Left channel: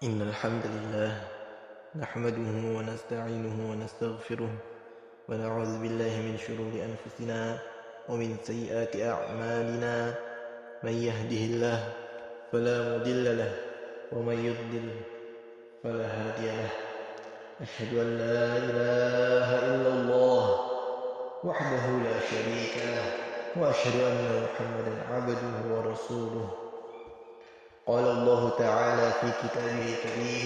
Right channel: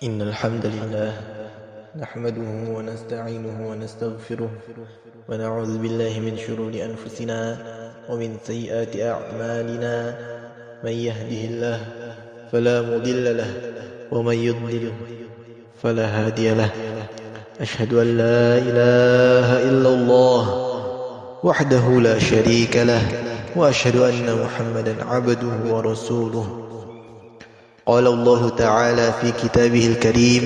إن الحمد لله نحمده ونستعينه ونستغفره ونعوذ بالله من شرور أنفسنا ومن سيئات أعمالنا. من يهده الله فلا مضل له ومن يضلل فلا هادي له. أشهد أن لا إله إلا الله وحده لا شريك له وأشهد أن محمدا عبده ورسوله. قال الله تعالى في كتابه الكريم:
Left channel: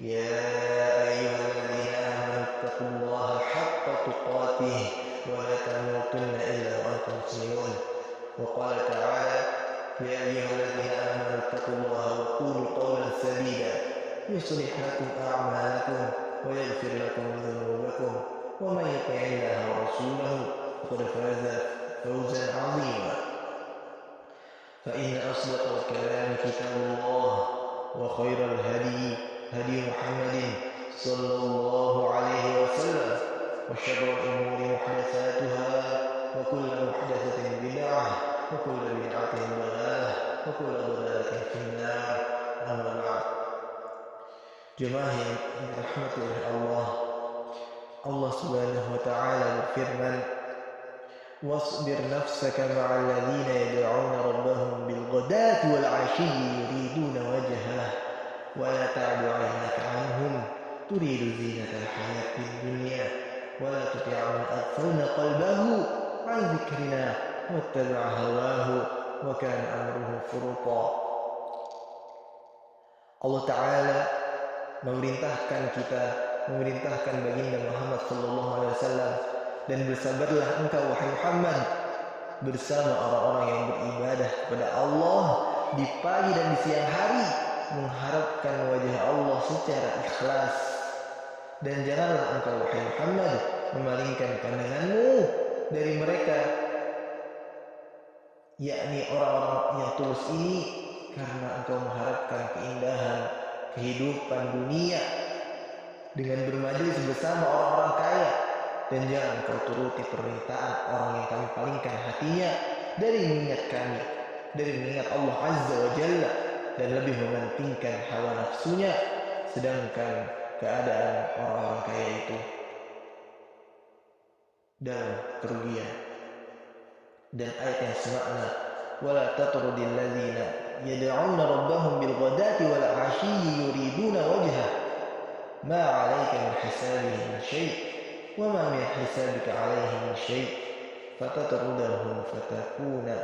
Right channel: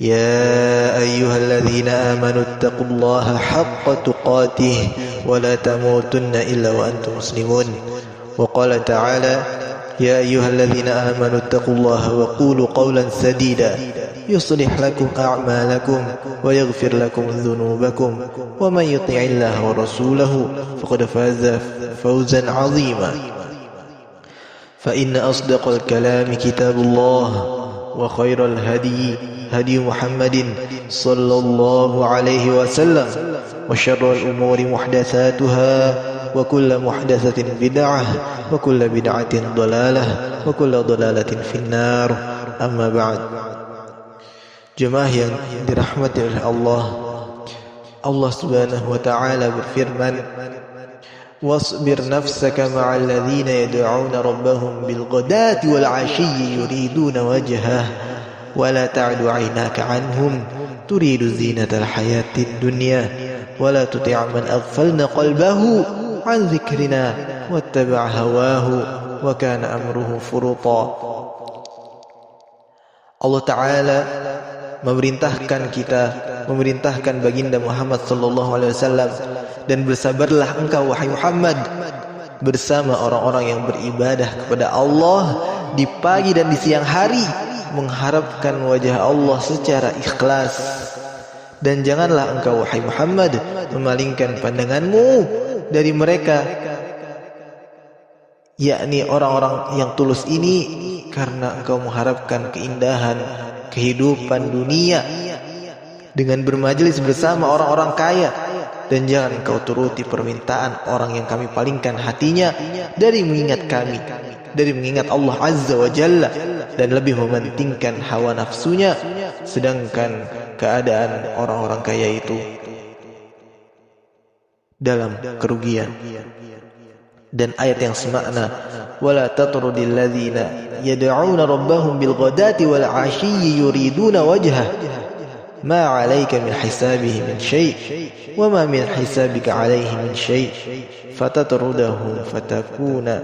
يا أيها الذين آمنوا اتقوا الله حق تقاته ولا تموتن إلا وأنتم مسلمون. وقال تعالى: يا أيها الذين آمنوا اتقوا الله وقولوا قولا سديدا يصلح لكم أعمالكم ويغفر لكم ذنوبكم ومن يطع الله ورسوله فقد فاز فوزا عظيما. فإن أصدق الكلام كتاب الله وخير الهدي هدي محمد صلى الله عليه وسلم وشر الأمور محدثاتها وكل محدثة بدعة وكل بدعة ضلالة وكل ضلالة في النار. أما بعد. Jemaah yang dirahmati oleh Allah, Allah Subhanahu wa taala berfirman: واصبر نفسك مع الذين يدعون ربهم بالغداة والعشي يريدون وجهه ولا تعد عيناك عنهم تريد زينة الحياة الدنيا ولا تطع من أغفلنا قلبه عن ذكرنا واتبع هواه وكان أمره فرطا. Allah Ta'ala memerintahkan baginda Muhammad sallallahu alaihi wasallam, dan bersabarlah engkau wahai Muhammad bersama orang-orang yang beribadah kepada Allah di pagi dan di siang hari, mengharapkan wajah Allah secara ikhlas. Dan janganlah engkau wahai Muhammad memalingkan pandanganmu dari mereka, yakni orang-orang yang tulus ini, karena engkau mengharapkan keindahan kehidupan dunia dengan bermajelis bersama orang-orang kaya. Dan jangan kau turuti permintaan orang yang kami palingkan hatinya dari mengingat kami, dari mengingat Allah Azza wa Jalla, dan lebih mementingkan hawa nafsunya, sedangkan keadaan orang-orang kaya itu dalam kerugian. Dan ayat yang semakna: wala tatrudil ladzina yad'una rabbahum bil ghadati wal 'ashiyyi yuriduna wajhah ma 'alaika min hisabihi min syai' wa ma min hisabika 'alaihi min syai' fatatrudahum fatakuna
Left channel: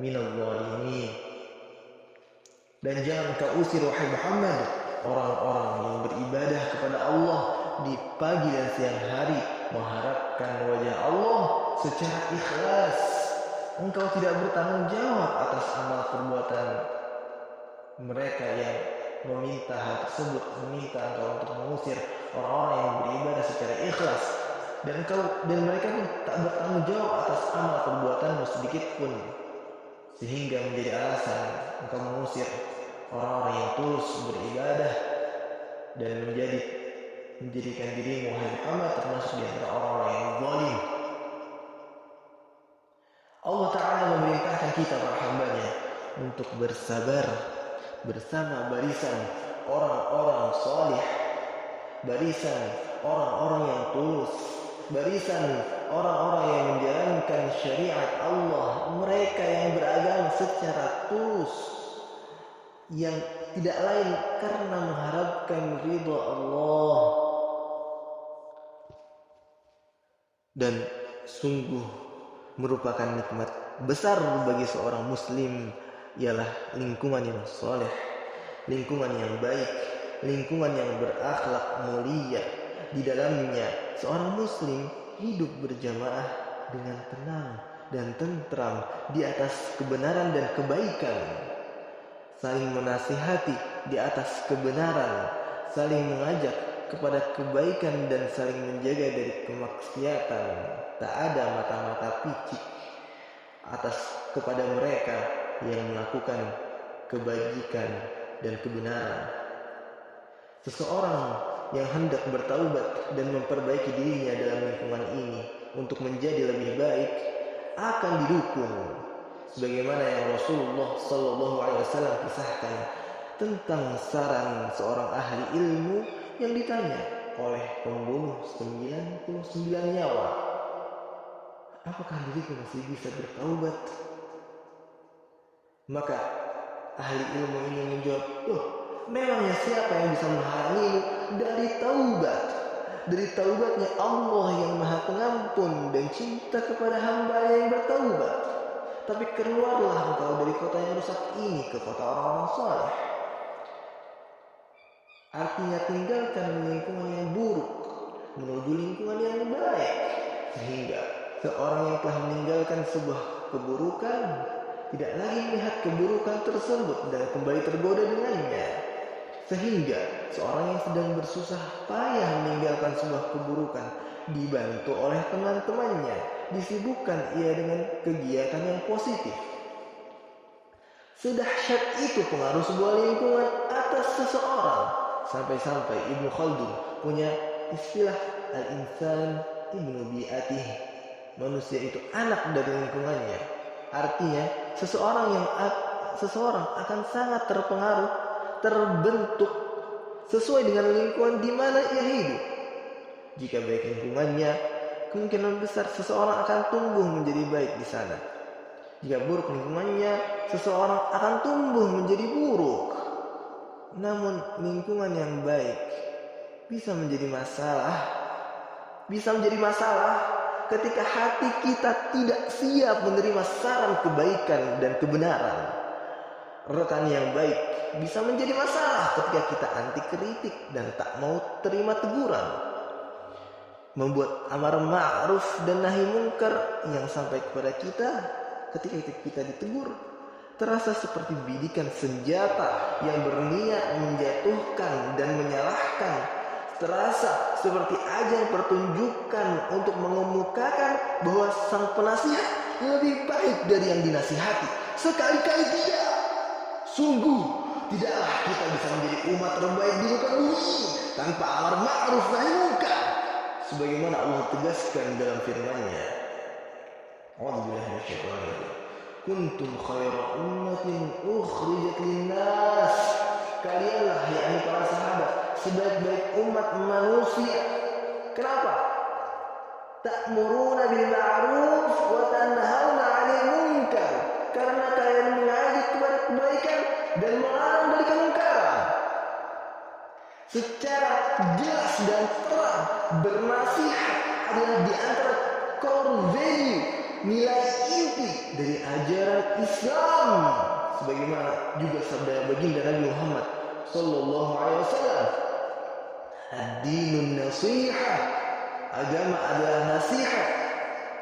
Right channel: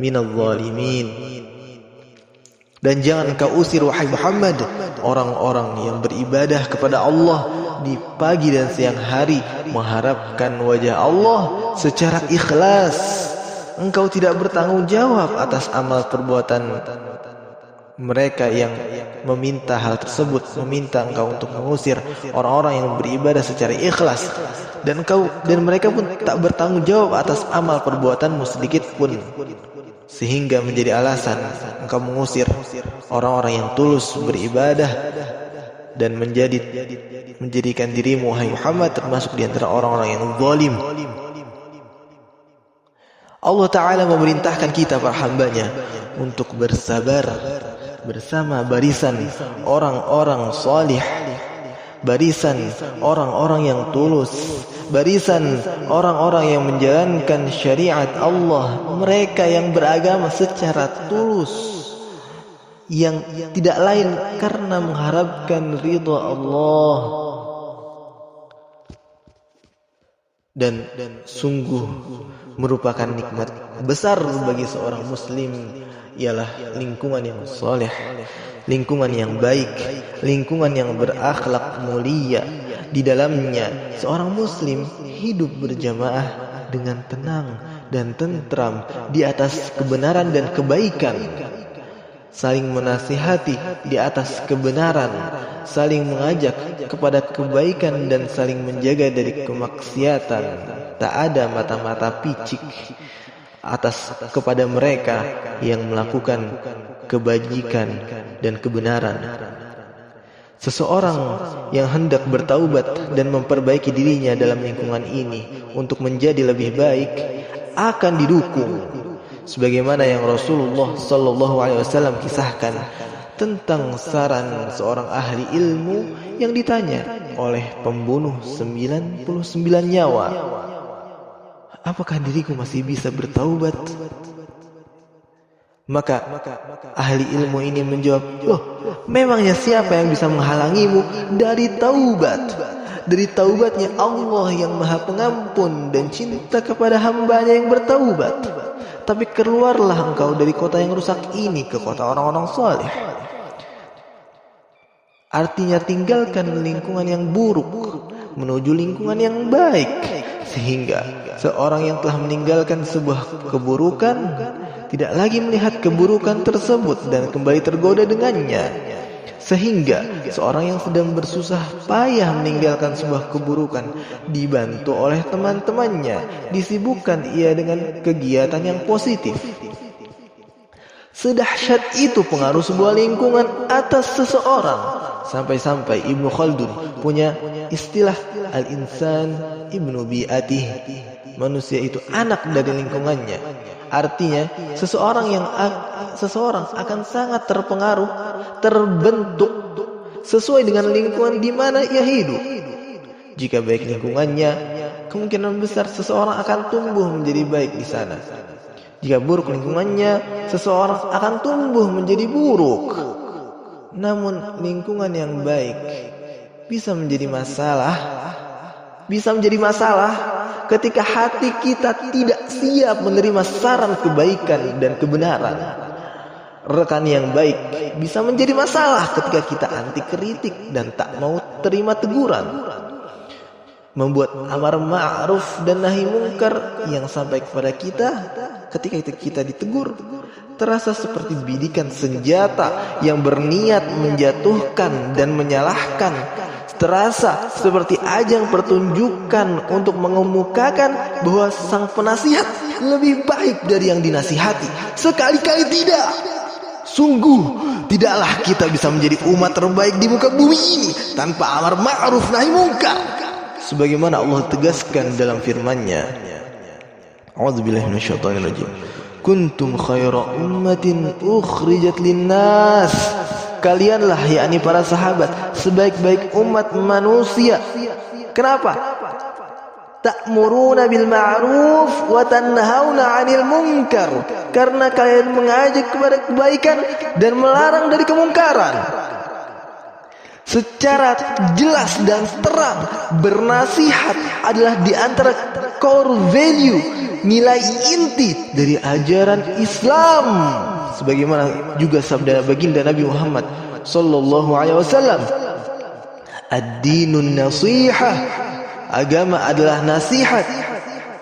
minadh dhalimin. Dan jangan kau usir wahai Muhammad orang-orang yang beribadah kepada Allah di pagi dan siang hari, mengharapkan wajah Allah secara ikhlas. Engkau tidak bertanggung jawab atas amal perbuatan mereka yang meminta hal tersebut, meminta engkau untuk mengusir orang-orang yang beribadah secara ikhlas, dan mereka pun tak bertanggung jawab atas amal perbuatanmu sedikit pun, sehingga menjadi alasan engkau mengusir orang-orang yang tulus beribadah dan menjadikan dirimu wahai Muhammad termasuk di antara orang-orang yang zalim. Allah Ta'ala memerintahkan kita para hambanya untuk bersabar bersama barisan orang-orang salih, barisan orang-orang yang tulus, barisan orang-orang yang menjalankan syariat Allah, mereka yang beragama secara tulus, yang tidak lain karena mengharapkan ridha Allah. Dan sungguh merupakan nikmat besar bagi seorang muslim ialah lingkungan yang soleh, lingkungan yang baik, lingkungan yang berakhlak mulia. Di dalamnya seorang muslim hidup berjamaah dengan tenang dan tentram di atas kebenaran dan kebaikan, saling menasihati di atas kebenaran, saling mengajak kepada kebaikan dan saling menjaga dari kemaksiatan. Tak ada mata-mata picik kepada mereka yang melakukan kebajikan dan kebenaran. Seseorang yang hendak bertaubat dan memperbaiki dirinya dalam lingkungan ini untuk menjadi lebih baik akan didukung, sebagaimana yang Rasulullah sallallahu alaihi wasallam kisahkan tentang saran seorang ahli ilmu yang ditanya oleh pembunuh 99 nyawa, apakah diriku masih bisa bertaubat? Maka ahli ilmu ini menjawab, loh, memangnya siapa yang bisa menghalangimu dari taubat? Dari taubatnya Allah yang Maha Pengampun dan cinta kepada hambanya yang bertaubat. Tapi keluarlah engkau dari kota yang rusak ini ke kota orang-orang saleh. Artinya tinggalkan lingkungan yang buruk menuju lingkungan yang baik, sehingga seorang yang telah meninggalkan sebuah keburukan tidak lagi melihat keburukan tersebut dan kembali tergoda dengannya. Sehingga seorang yang sedang bersusah payah meninggalkan sebuah keburukan dibantu oleh teman-temannya, disibukkan ia dengan kegiatan yang positif. Sedahsyat itu pengaruh sebuah lingkungan atas seseorang. Sampai-sampai Ibnu Khaldun punya istilah al-insan ibnu bi'atih. Manusia itu anak dari lingkungannya. Artinya seseorang akan sangat terpengaruh, terbentuk sesuai dengan lingkungan di mana ia hidup. Jika baik lingkungannya, kemungkinan besar seseorang akan tumbuh menjadi baik di sana. Jika buruk lingkungannya, seseorang akan tumbuh menjadi buruk. Namun lingkungan yang baik bisa menjadi masalah ketika hati kita tidak siap menerima saran kebaikan dan kebenaran. Rekan yang baik bisa menjadi masalah ketika kita anti kritik dan tak mau terima teguran. Membuat amar ma'ruf dan nahi mungkar yang sampai kepada kita ketika kita ditegur terasa seperti bidikan senjata yang berniat menjatuhkan dan menyalahkan. Terasa seperti ajang pertunjukan untuk mengemukakan bahwa sang penasihat lebih baik dari yang dinasihati. Sekali-kali tidak. Sungguh tidaklah kita bisa menjadi umat terbaik di muka bumi ini tanpa amar ma'ruf nahi mungkar. Sebagaimana Allah tegaskan dalam firman-Nya. A'udzubillahi minasyaitonirrajim. Kuntum khaira ummatin ukhrijat linnas. Kalianlah, yakni para sahabat, sebaik-baik umat manusia. Kenapa? Ta'muruna bil ma'ruf wa tanhauna 'anil munkar. Karena kalian mengajak kepada kebaikan dan melarang dari kemungkaran. Secara jelas dan terang, bernasihat adalah di antara core value, nilai inti dari ajaran Islam. Sebagaimana juga sabda baginda Nabi Muhammad sallallahu alaihi wasallam, ad-dinun nasihah, agama adalah nasihat.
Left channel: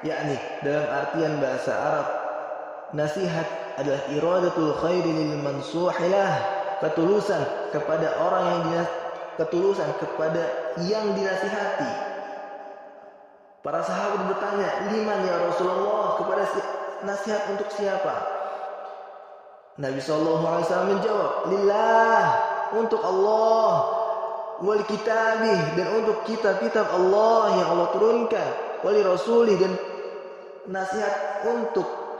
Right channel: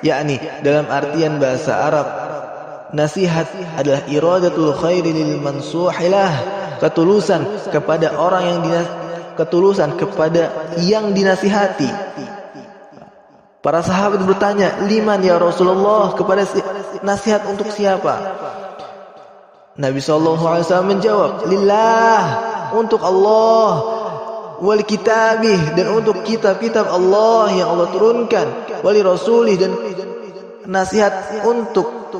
Yakni dalam artian bahasa Arab, nasihat adalah iradatul khairi lil mansuhilah, ketulusan kepada yang dinasihati. Para sahabat bertanya, liman ya Rasulullah, kepada nasihat untuk siapa? Nabi SAW menjawab, lillah, untuk Allah, wal kitabih, dan untuk kitab-kitab Allah yang Allah turunkan, wali rasulih, dan nasihat untuk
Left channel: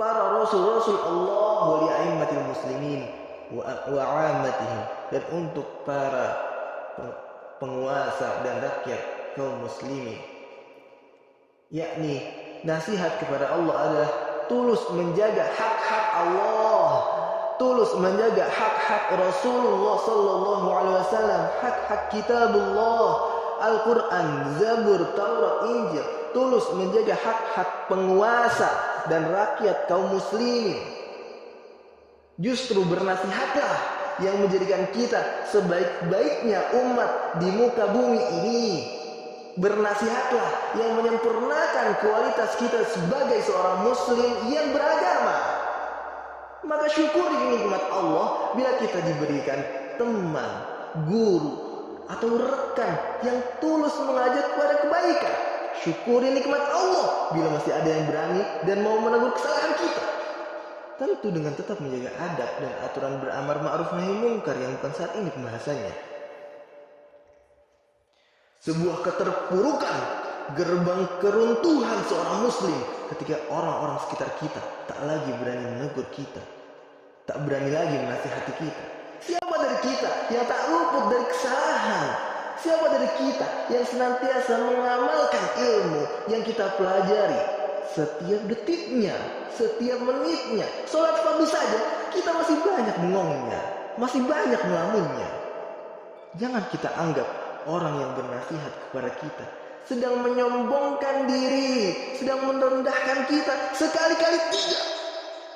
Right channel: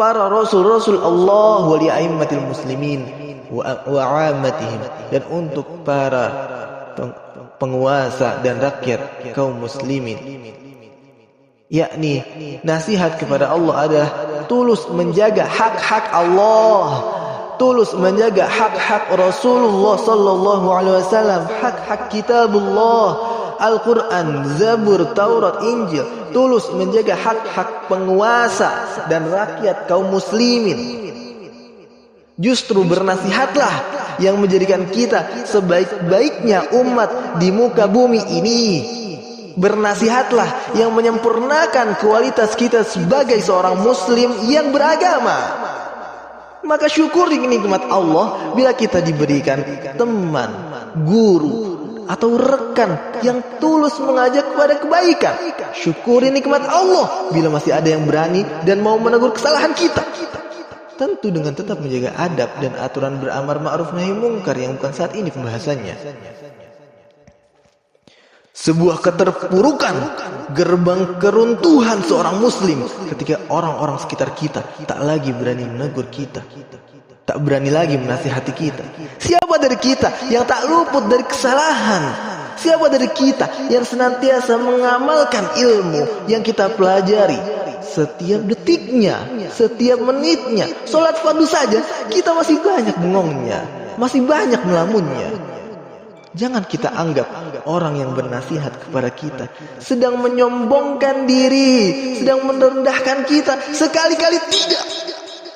para rasul-rasul Allah, wali a'immatil muslimin wa 'ammatihim, dan untuk para penguasa dan rakyat kaum muslimin. Yakni nasihat kepada Allah adalah tulus menjaga hak-hak Allah, tulus menjaga hak-hak Rasulullah sallallahu alaihi wasallam, hak-hak kitabullah, Al-Quran, Zabur, Taurat, Injil, tulus menjaga hak-hak penguasa dan rakyat kaum muslimin. Justru bernasihatlah yang menjadikan kita sebaik-baiknya umat di muka bumi ini. Bernasihatlah yang menyempurnakan kualitas kita sebagai seorang muslim yang beragama. Maka syukuri nikmat Allah bila kita diberikan teman, guru, atau rekan yang tulus mengajak kepada kebaikan. Syukuri nikmat Allah bila masih ada yang berani dan mau menegur kesalahan kita. Tentu dengan tetap menjaga adab dan aturan beramar ma'ruf nahi mungkar yang bukan saat ini pembahasannya. Sebuah keterpurukan, gerbang keruntuhan seorang muslim ketika orang-orang sekitar kita tak lagi berani menegur kita, tak berani lagi menasihati kita. Siapa dari kita yang tak luput dari kesalahan? Siapa dari kita yang senantiasa mengamalkan ilmu yang kita pelajari setiap detiknya, setiap menitnya? Salat fardu saja kita masih banyak bengongnya, masih banyak melamunnya. Jangan kita anggap orang yang bernasihat kepada kita sedang menyombongkan diri, sedang merendahkan kita. Sekali-kali tidak.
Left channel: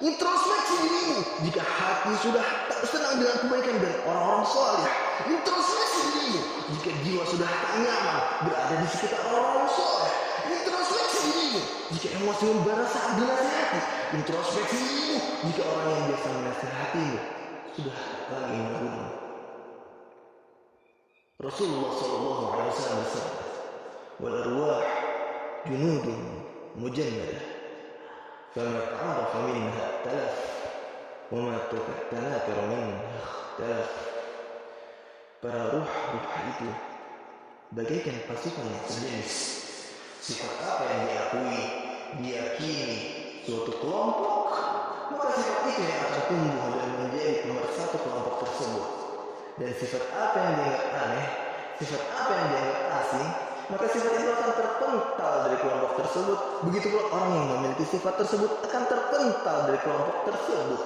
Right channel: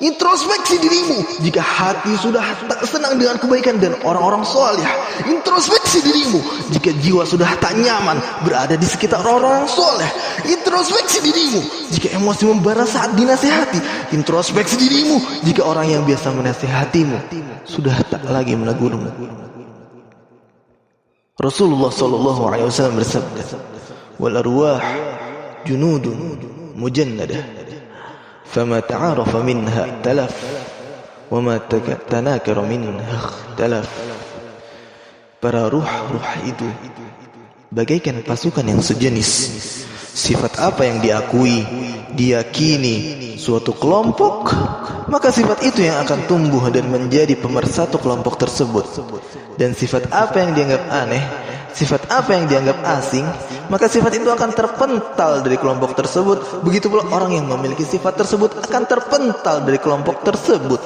Introspeksi dirimu jika hati sudah tak senang dengan kebaikan dan orang-orang soleh. Introspeksi dirimu jika jiwa sudah tak nyaman berada di sekitar orang-orang soleh. Introspeksi dirimu jika emosi membara saat dinasihati. Introspeksi dirimu jika orang yang biasa menasihatimu sudah tak lagi menegurmu. Rasulullah SAW bersabda, "Wal arwah junudun mujannadah. فما تعارف منها تلف وما تناكر منها اختلف." Para ruh-ruh itu bagaikan pasukan yang sejenis. Sifat apa yang diakui, diyakini suatu kelompok, maka sifat itu yang akan tumbuh dan menjadi pemersatu kelompok tersebut. Dan sifat apa yang dianggap aneh, sifat apa yang dianggap asing, maka sifat itu akan terpental dari kelompok tersebut. Begitu pula orang yang memiliki sifat tersebut akan terpental dari kelompok tersebut.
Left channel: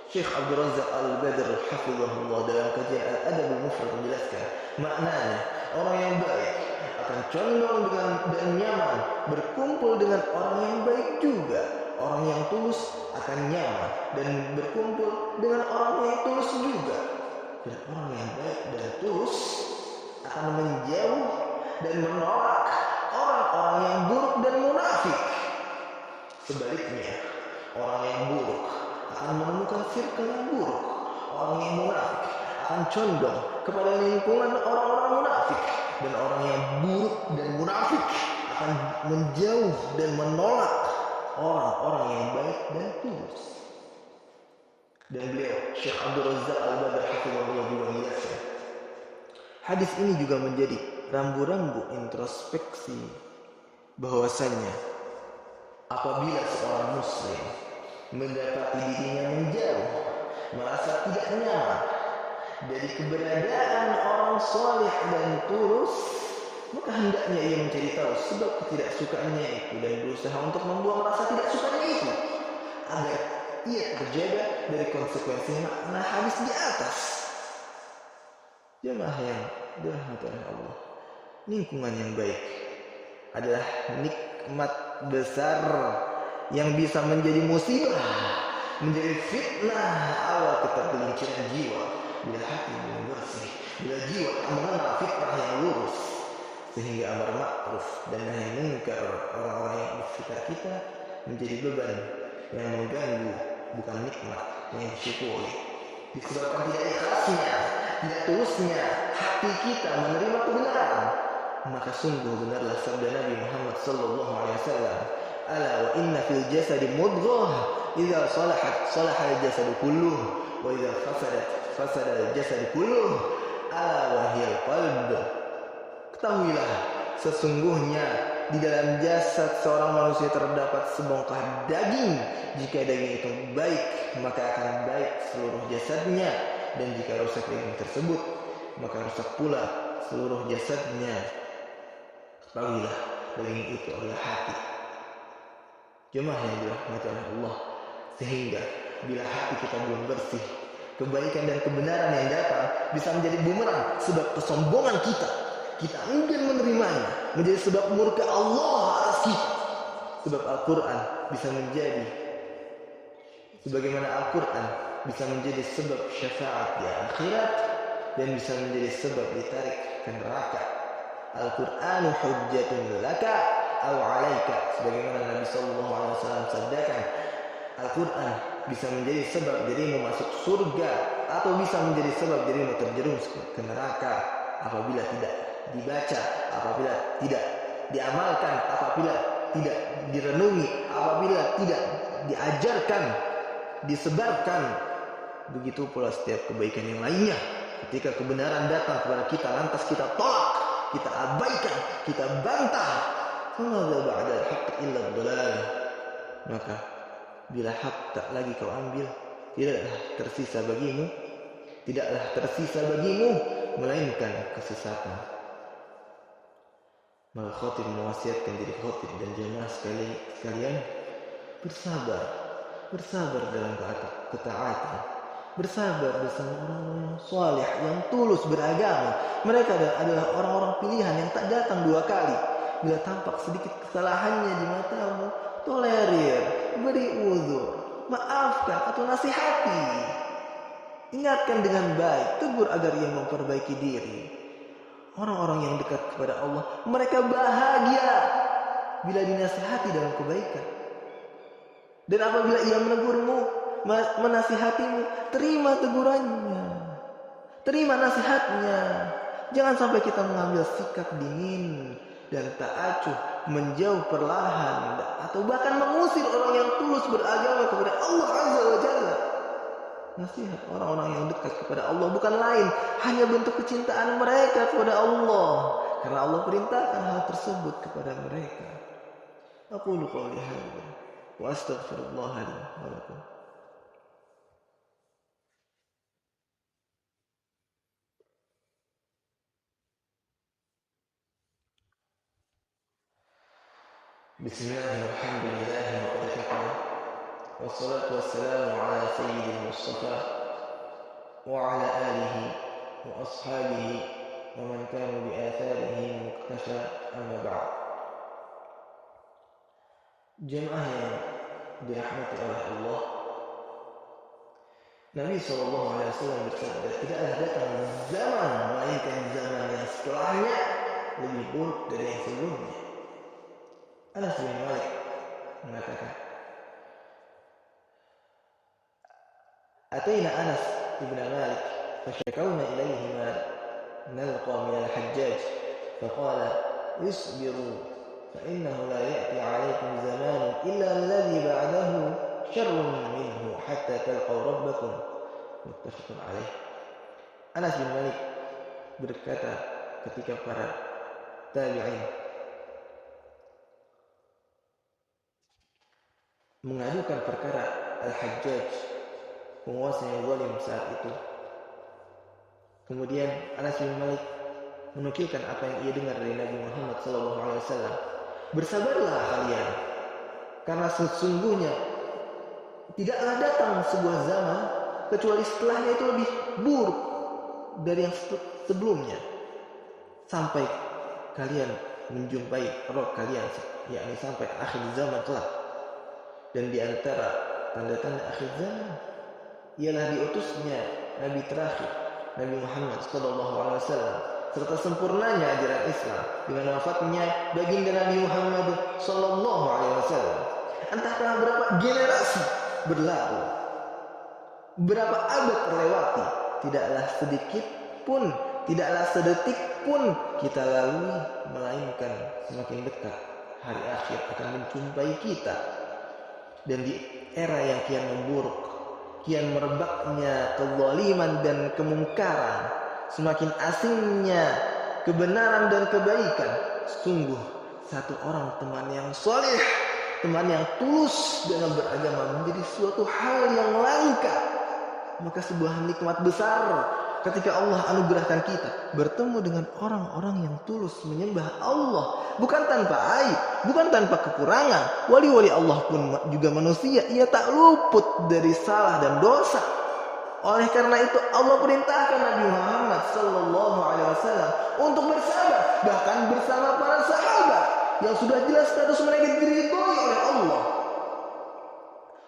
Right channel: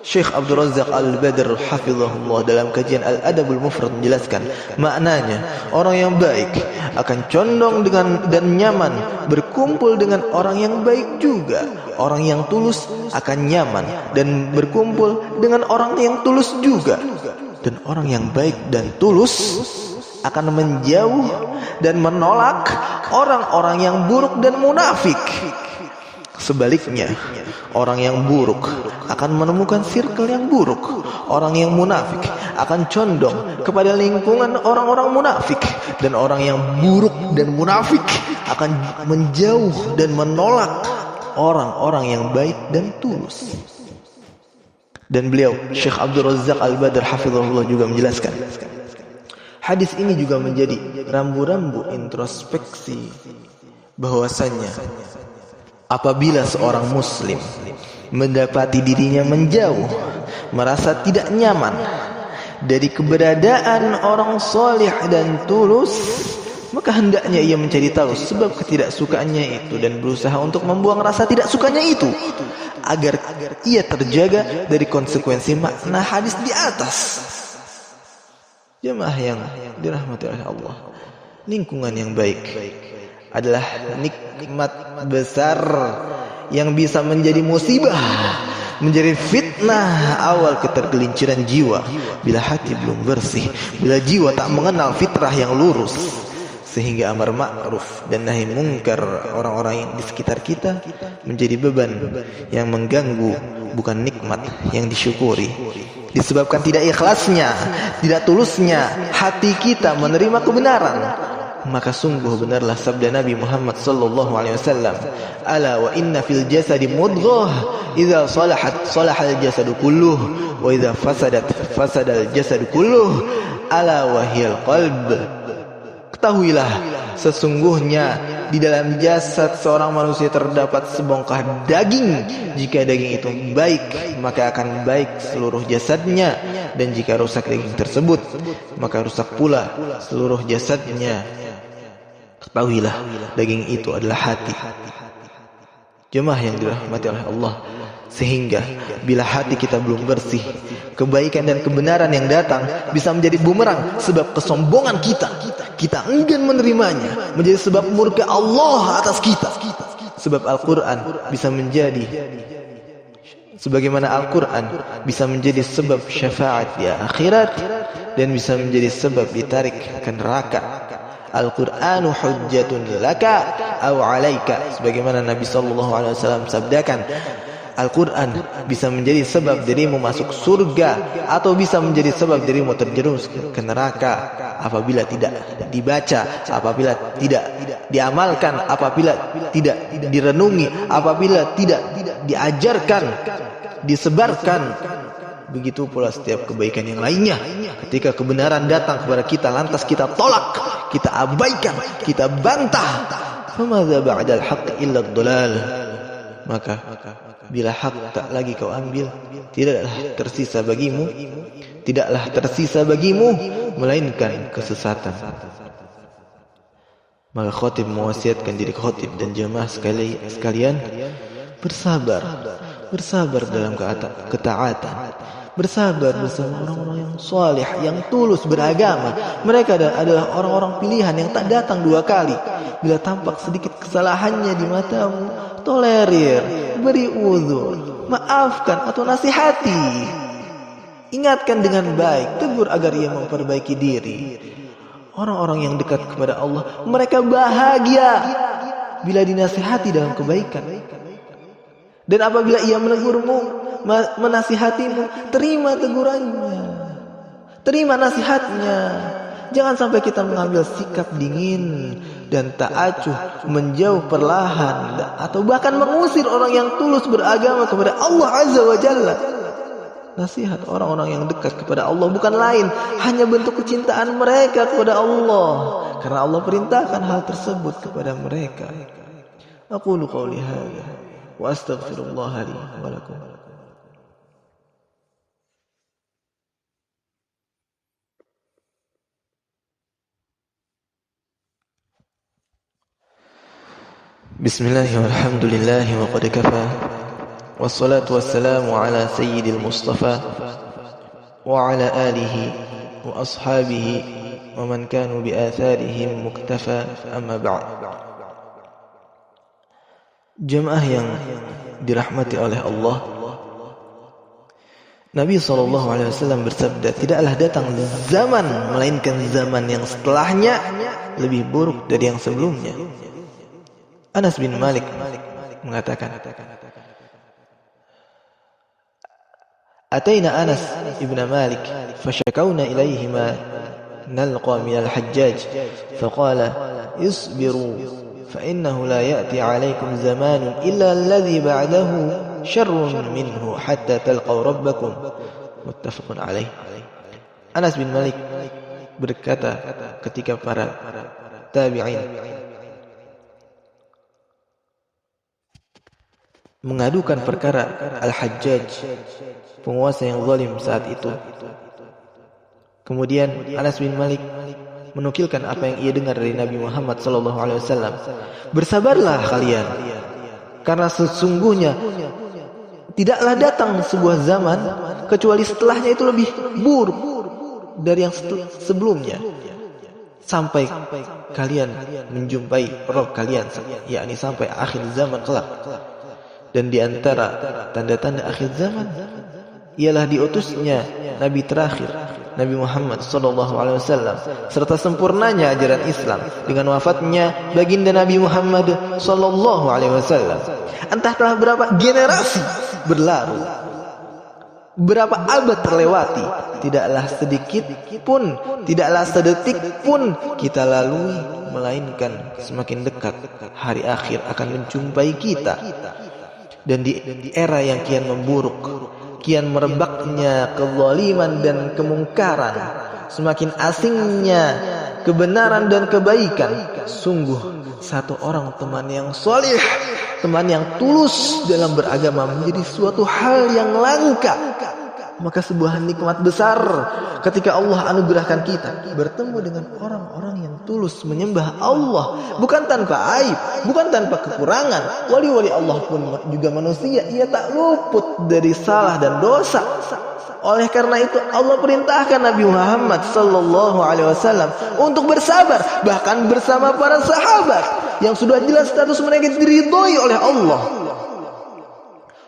Syekh Abdul Razak Al-Badr hafizahullah dalam kajian Al-Adabul Mufrad menjelaskan maknanya, orang yang baik akan condong dengan dan nyaman berkumpul dengan orang yang baik juga. Orang yang tulus akan nyaman dan berkumpul dengan orang yang tulus juga. Dan orang yang baik dan tulus akan menjauh dan menolak orang-orang yang buruk dan munafik. Sebaliknya, orang yang buruk akan menemukan circle yang buruk. Orang yang munafik akan condong kepada lingkungan orang-orang munafik. Dan orang yang buruk dan munafik akan menjauh dan menolak orang-orang yang baik dan tulus. Dan beliau, Syekh Abdul Razak Al-Badr hafizahullah juga menjelaskan, hadis ini juga menjadi rambu-rambu introspeksi bahwasannya apabila seorang muslim mendapati dirinya menjauh, merasa tidak nyaman dari keberadaan orang soleh dan tulus, maka hendaknya ia mencari tahu sebab ketidaksukaannya itu dan berusaha untuk membuang rasa tidak sukanya itu agar ia terjaga dari konsekuensi makna hadis di atas. Jemaah yang dirahmati oleh Allah, lingkungan yang baik adalah nikmat besar yang bisa menjadi musibah, menjadi fitnah awal ketergelinciran jiwa bila hati belum bersih, bila jiwa tak mengenal fitrah yang lurus, sehingga amar ma'ruf dan nahi mungkar orang-orang di sekitar kita menjadi beban yang mengganggu, bukan nikmat yang disyukuri. Disebabkan tidak ikhlasnya, tidak tulusnya hati kita menerima kebenaran, maka sungguh benarlah sabda Nabi Muhammad sallallahu alaihi wasallam, "Ala wa inna fil jasadi mudghah, idza salahat salahal jasadu kulluh, wa idza fasadat fasadal jasadu kulluh, ala wa hiyal qalb." Ketahuilah, sesungguhnya di dalam jasad seorang manusia terdapat sebongkah daging. Jika daging itu baik, maka akan baik seluruh jasadnya, dan jika rusak daging tersebut, maka rusak pula seluruh jasadnya. Ketahuilah, daging itu adalah hati. Jemaah yang dirahmati oleh Allah, sehingga bila hati kita belum bersih, kebaikan dan kebenaran yang datang bisa menjadi bumerang, sebab kesombongan kita enggan menerimanya, menjadi sebab murka Allah atas kita. Sebab Al-Quran bisa menjadi, sebagaimana Al-Quran bisa menjadi sebab syafaat di akhirat, dan bisa menjadi sebab ditarik ke neraka. Al-Qur'anu hujjatun laka aw alaika, sebagaimana Nabi sallallahu alaihi wasallam sabdakan, Al-Quran bisa menjadi sebab dirimu masuk surga atau bisa menjadi sebab dirimu terjerumus ke neraka apabila tidak dibaca, apabila tidak diamalkan, apabila tidak direnungi, apabila tidak diajarkan, disebarkan. Begitu pula setiap kebaikan yang lainnya. Ketika kebenaran datang kepada kita, lantas kita tolak, kita abaikan, kita bantah. Famadza ba'dal haqq illa ad-dhalal. Maka bila hak tak lagi kau ambil, tidaklah tersisa bagimu melainkan kesesatan. Maka khatib mewasiatkan diri khatib dan jemaah sekalian bersabar dalam ketaatan, bersabar bersama orang-orang yang saleh, yang tulus beragama. Mereka adalah orang-orang pilihan yang tak datang dua kali. Bila tampak sedikit kesalahannya di matamu, tolerir, beri uzur, maafkan atau nasihati. Ingatkan dengan baik, tegur agar ia memperbaiki diri. Orang-orang yang dekat kepada Allah, mereka bahagia bila dinasihati dalam kebaikan. Dan apabila ia menegurmu, menasihatimu, terima tegurannya, terima nasihatnya. Jangan sampai kita mengambil sikap dingin dan tak acuh, menjauh perlahan, atau bahkan mengusir orang yang tulus beragama kepada Allah Azza wa Jalla. Nasihat orang-orang yang dekat kepada Allah bukan lain, hanya bentuk kecintaan mereka kepada Allah, karena Allah perintahkan hal tersebut kepada mereka. Aqulu qawli hadza wa astaghfirullah li wa lakum. Bismillahirrahmanirrahim. Walhamdulillahi wa qad kafa. Wassalatu wassalamu ala sayyidil Mustafa wa ala alihi wa ashabihi wa man kanu bi atharihim muktafa, amma ba'd. Jemaah yang dirahmati oleh Allah, Nabi SAW bersabda, tidaklah datang zaman melainkan zaman yang setelahnya lebih buruk dari yang sebelumnya. Anas bin Malik mengatakan, Ataina Anas ibn Malik fashakawna ilayhi ma nalqa min al-Hajjaj faqala isbiru fa innahu la ya'ti alaykum zamanun illa alladhi ba'dahu syarrun minhu hatta talqaw rabbakum. Muttafaqun alaih. Anas bin Malik berkata ketika para tabi'in mengadukan perkara Al-Hajjaj, penguasa yang zalim saat itu. Kemudian Anas bin Malik menukilkan apa yang ia dengar dari Nabi Muhammad SAW. Bersabarlah kalian, karena sesungguhnya tidaklah datang sebuah zaman kecuali setelahnya itu lebih buruk dari yang sebelumnya, sampai kalian menjumpai Rabb kalian, yakni sampai akhir zaman kelak. Dan di antara tanda-tanda akhir zaman ialah diutusnya Nabi terakhir, Nabi Muhammad SAW, serta sempurnanya ajaran Islam dengan wafatnya baginda Nabi Muhammad SAW. Entah telah berapa generasi berlalu, berapa abad terlewati, tidaklah sedikit pun, tidaklah sedetik pun kita lalui, melainkan semakin dekat hari akhir akan menjumpai kita. Dan di era yang kian memburuk, kian merebaknya kezaliman dan kemungkaran, semakin asingnya kebenaran dan kebaikan, sungguh satu orang teman yang soleh, teman yang tulus dalam beragama menjadi suatu hal yang langka. Maka sebuah nikmat besar ketika Allah anugerahkan kita bertemu dengan orang-orang yang tulus menyembah Allah, bukan tanpa aib, bukan tanpa kekurangan. Wali-wali Allah pun juga manusia, ia tak luput dari salah dan dosa. Oleh karena itu Allah perintahkan Nabi Muhammad SAW untuk bersabar, bahkan bersama para sahabat yang sudah jelas status mereka diridhoi oleh Allah.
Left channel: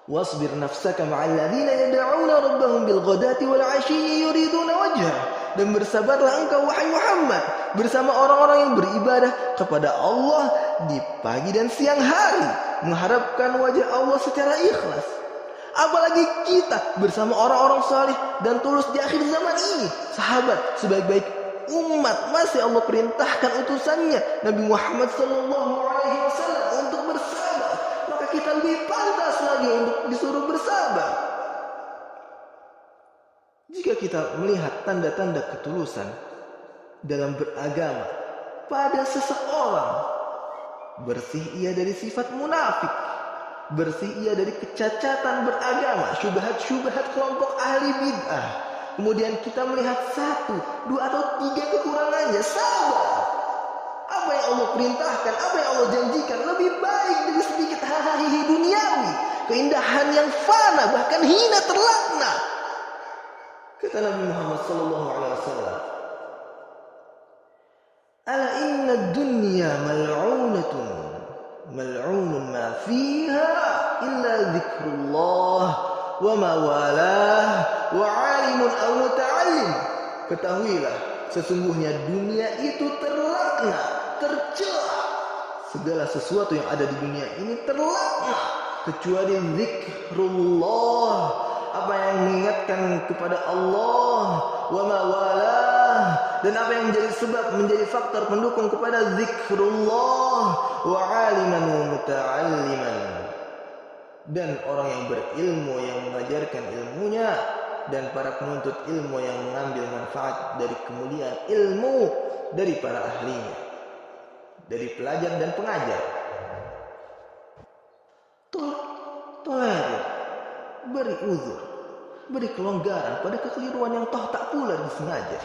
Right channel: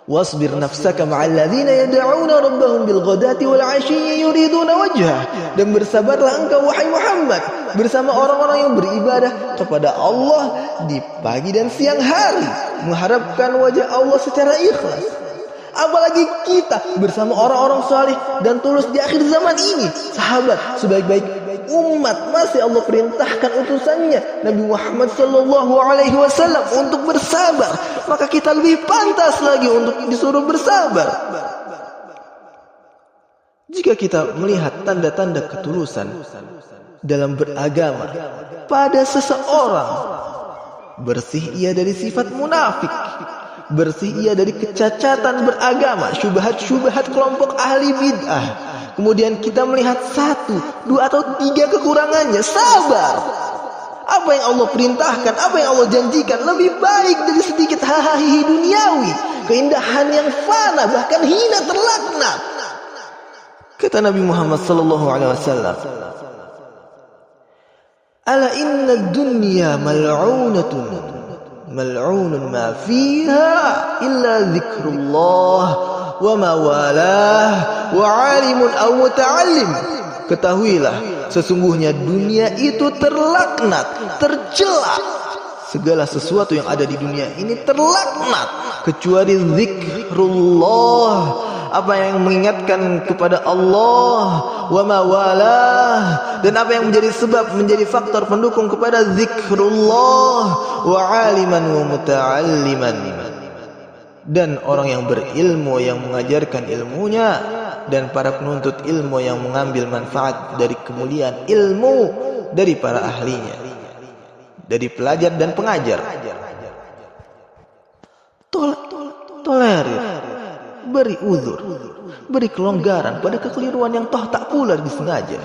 Wasbir nafsaka ma'al ladzina yad'una rabbahum bil ghadati wal 'ashiyyi yuriduna wajhah. Dan bersabarlah engkau wahai Muhammad bersama orang-orang yang beribadah kepada Allah di pagi dan siang hari, mengharapkan wajah Allah secara ikhlas. Apalagi kita bersama orang-orang saleh dan tulus di akhir zaman ini. Sahabat, sebaik-baik umat masih Allah perintahkan utusannya Nabi Muhammad SAW untuk bersabar. Maka kita lebih pantas lagi untuk disuruh bersabar. Jika kita melihat tanda-tanda ketulusan dalam beragama pada seseorang, bersih ia dari sifat munafik, bersih ia dari kecacatan beragama, syubhat-syubhat kelompok ahli bid'ah. Kemudian kita melihat 1, 2 atau 3 kekurangannya, sabar. Apa yang Allah perintahkan, apa yang Allah janjikan lebih baik dari sedikit hahaha duniawi, keindahan yang fana, bahkan hina, terlaknat. Kata Nabi Muhammad sallallahu alaihi wasallam, "Ala inna dunya mal'unatun, mal'unun ma fiha illa dzikrullah wa ma walah wa 'alimun aw muta'allim." Ketahuilah, sesungguhnya dunia itu terlaknat, tercela. Segala sesuatu yang ada di dunia ini terlaknat kecuali zikrullah, apa yang mengingatkan kepada Allah, wa ma walah, dan apa yang menjadi sebab, menjadi faktor pendukung kepada zikrullah, wa aliman wa muta'alliman, dan orang yang berilmu yang mengajarkan ilmunya, dan para penuntut ilmu yang mengambil manfaat dari kemuliaan ilmu dari para ahlinya, dari pelajar dan pengajar. Tolerir, beri uzur, beri kelonggaran pada kekeliruan yang toh tak pula disengaja.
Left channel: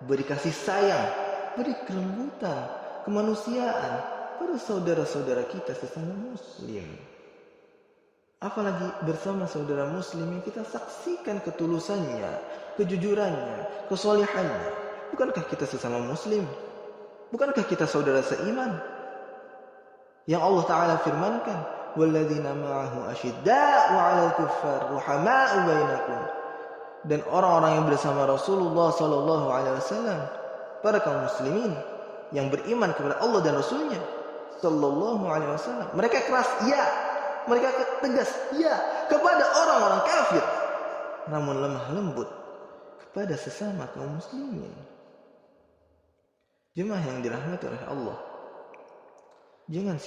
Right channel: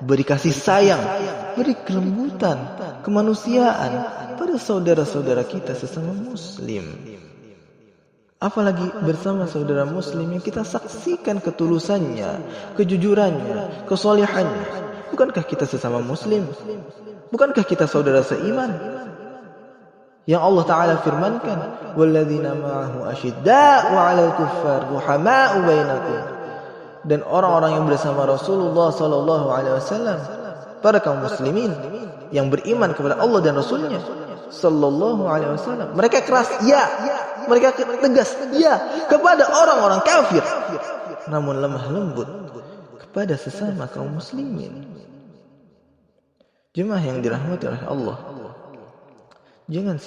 Beri kasih sayang, beri kelembutan, kemanusiaan pada saudara-saudara kita sesama muslim. Apalagi bersama saudara muslim yang kita saksikan ketulusannya, kejujurannya, kesolehannya. Bukankah kita sesama muslim? Bukankah kita saudara seiman? Yang Allah Ta'ala firmankan, "Walladzina ma'ahu asyidda'u 'alal kuffar ruhama'u bainakum." Dan orang-orang yang bersama Rasulullah sallallahu alaihi wasallam, para kaum muslimin yang beriman kepada Allah dan Rasulnya sallallahu alaihi wasallam, mereka keras, ya. Mereka tegas, ya, kepada orang-orang kafir, namun lemah lembut kepada sesama kaum muslimin. Jemaah yang dirahmati oleh Allah, jangan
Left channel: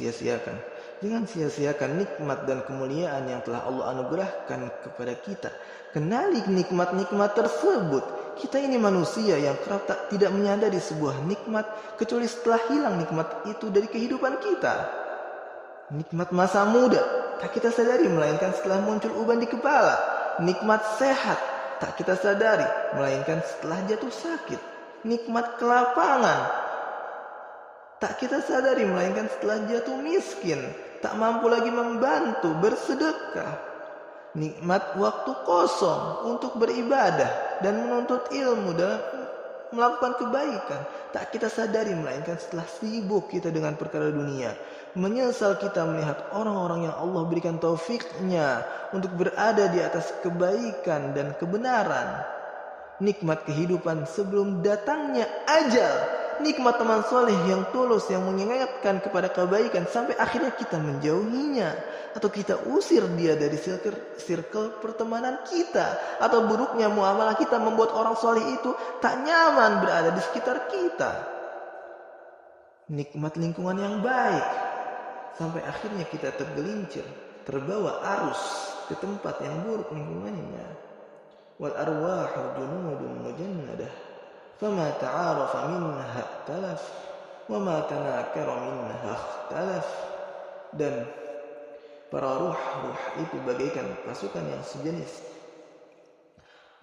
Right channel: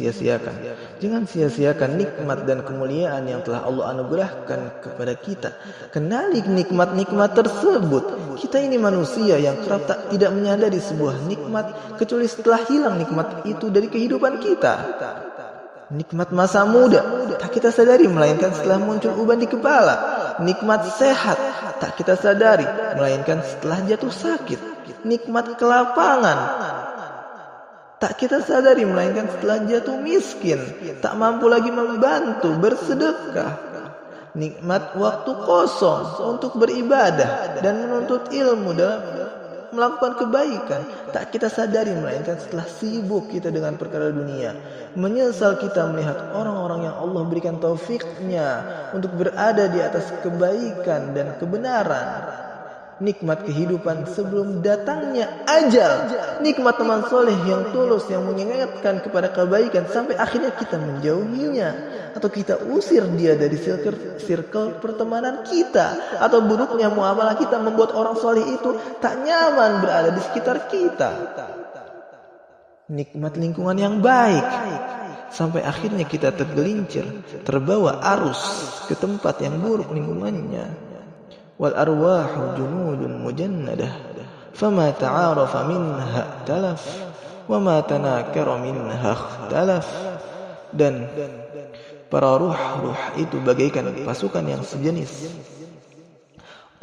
sia-siakan nikmat dan kemuliaan yang telah Allah anugerahkan kepada kita. Kenali nikmat-nikmat tersebut. Kita ini manusia yang kerap tidak menyadari sebuah nikmat kecuali setelah hilang nikmat itu dari kehidupan kita. Nikmat masa muda tak kita sadari melainkan setelah muncul uban di kepala. Nikmat sehat tak kita sadari melainkan setelah jatuh sakit. Nikmat kelapangan tak kita sadari melainkan setelah jatuh miskin, tak mampu lagi membantu bersedekah. Nikmat waktu kosong untuk beribadah dan menuntut ilmu dalam melakukan kebaikan tak kita sadari melainkan setelah sibuk kita dengan perkara dunia. Menyesal kita melihat orang-orang yang Allah berikan taufiknya untuk berada di atas kebaikan dan kebenaran. Nikmat kehidupan sebelum datangnya ajal. Nikmat teman soleh yang tulus yang mengingatkan kepada kebaikan sampai akhirnya kita menjauhinya, atau kita usir dia dari circle pertemanan kita, atau buruknya muamalah kita membuat orang soleh itu tak nyaman berada di sekitar kita. Nikmat lingkungan yang baik sampai akhirnya kita tergelincir, terbawa arus ke tempat yang buruk lingkungannya. Wal arwahu junudun mujannadah fama ta'arafa minha talaf wa ma tanakara minha ikhtalaf. Dan para ruh itu bagaikan pasukan yang sejenis.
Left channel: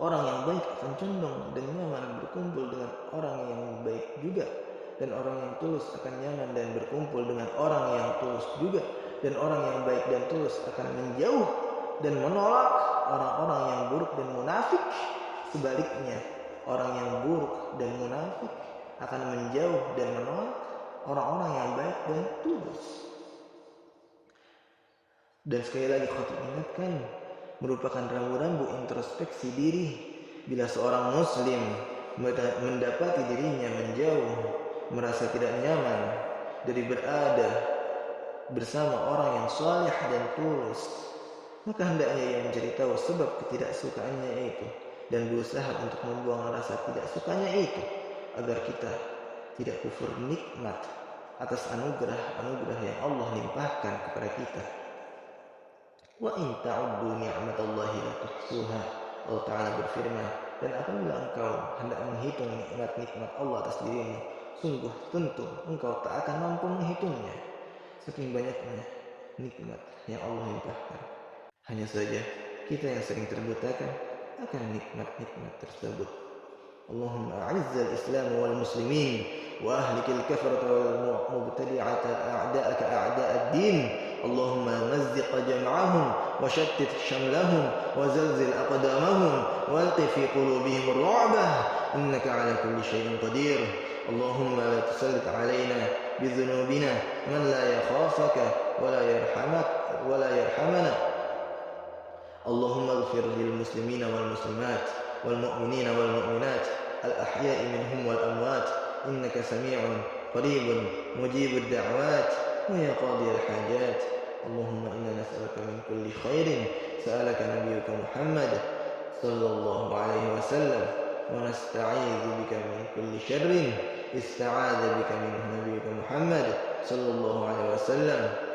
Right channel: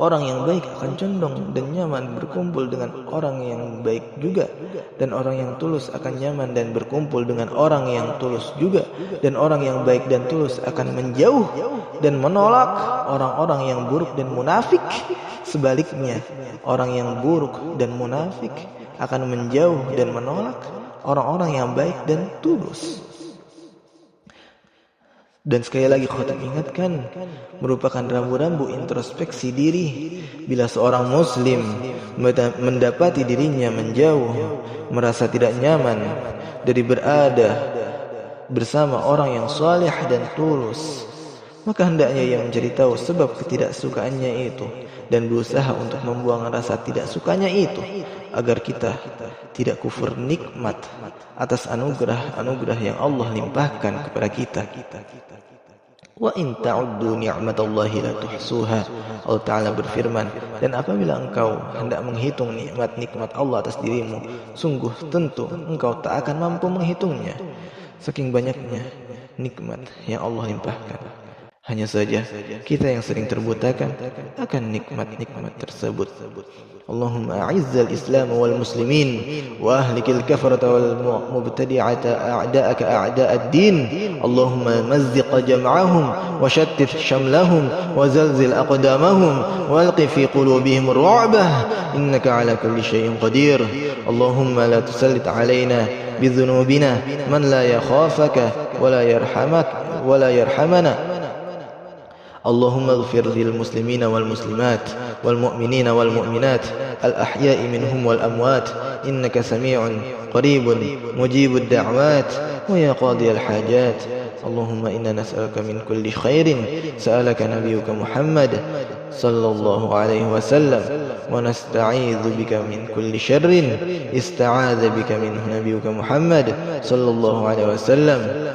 Orang yang baik akan condong dan nyaman berkumpul dengan orang yang baik juga, dan orang yang tulus akan nyaman dan berkumpul dengan orang yang tulus juga, dan orang yang baik dan tulus akan menjauh dan menolak orang-orang yang buruk dan munafik. Sebaliknya, orang yang buruk dan munafik akan menjauh dan menolak orang-orang yang baik dan tulus. Dan sekali lagi khotib ingatkan, merupakan rambu-rambu introspeksi diri bila seorang muslim mendapati dirinya menjauh, merasa tidak nyaman dari berada bersama orang yang saleh dan tulus, maka hendaknya ia mencari tahu sebab ketidaksukaannya itu dan berusaha untuk membuang rasa tidak sukanya itu, agar kita tidak kufur nikmat atas anugerah-anugerah yang Allah limpahkan kepada kita. Wa in ta'uddu ni'matallahi la tuhsuha. Allah Ta'ala berfirman, dan apabila engkau hendak menghitung nikmat-nikmat Allah atas dirimu, sungguh tentu engkau tak akan mampu menghitungnya. Saking banyaknya nikmat yang Allah limpahkan. Hanya saja kita yang sering terbutakan akan nikmat-nikmat tersebut. Allahumma a'izzal Islam wal muslimin wa ahlikil kafarata wal mubtadi'ata a'da'aka a'da'ad din. Allahumma mazziq jam'ahum wa shattit shamlahum wa zalzil aqdamahum walqi fi qulubihim ru'bah innaka ala kulli syai'in qadir. Allahumma la tusallit alaina bidhunubina man la yakhafaka wa la yarhamak wa la yarhamana. اللهم اغفر للمسلمين والمسلمات والمؤمنين والمؤمنات الأحياء منهم والأموات إنك سميع قريب مجيب الدعوات ويا قاضي الحاجات. اللهم إنا نسألك من كل خير سألك نبيك محمد صلى الله عليه وسلم ونستعيذ بك من كل شر استعاذ بك منه نبيك محمد صلى الله عليه وسلم.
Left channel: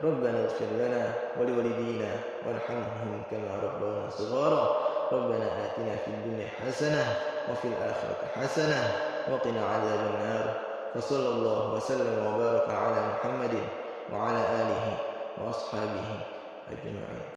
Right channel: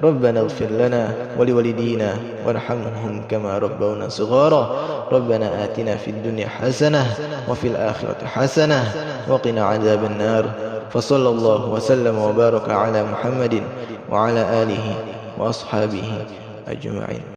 ربنا اغفر لنا ولوالدينا وارحمهم كما ربونا صغارا. ربنا آتنا في الدنيا حسنة وفي الآخرة حسنة وقنا عذاب النار. فصلى الله وسلم وبارك على محمد وعلى آله وأصحابه أجمعين.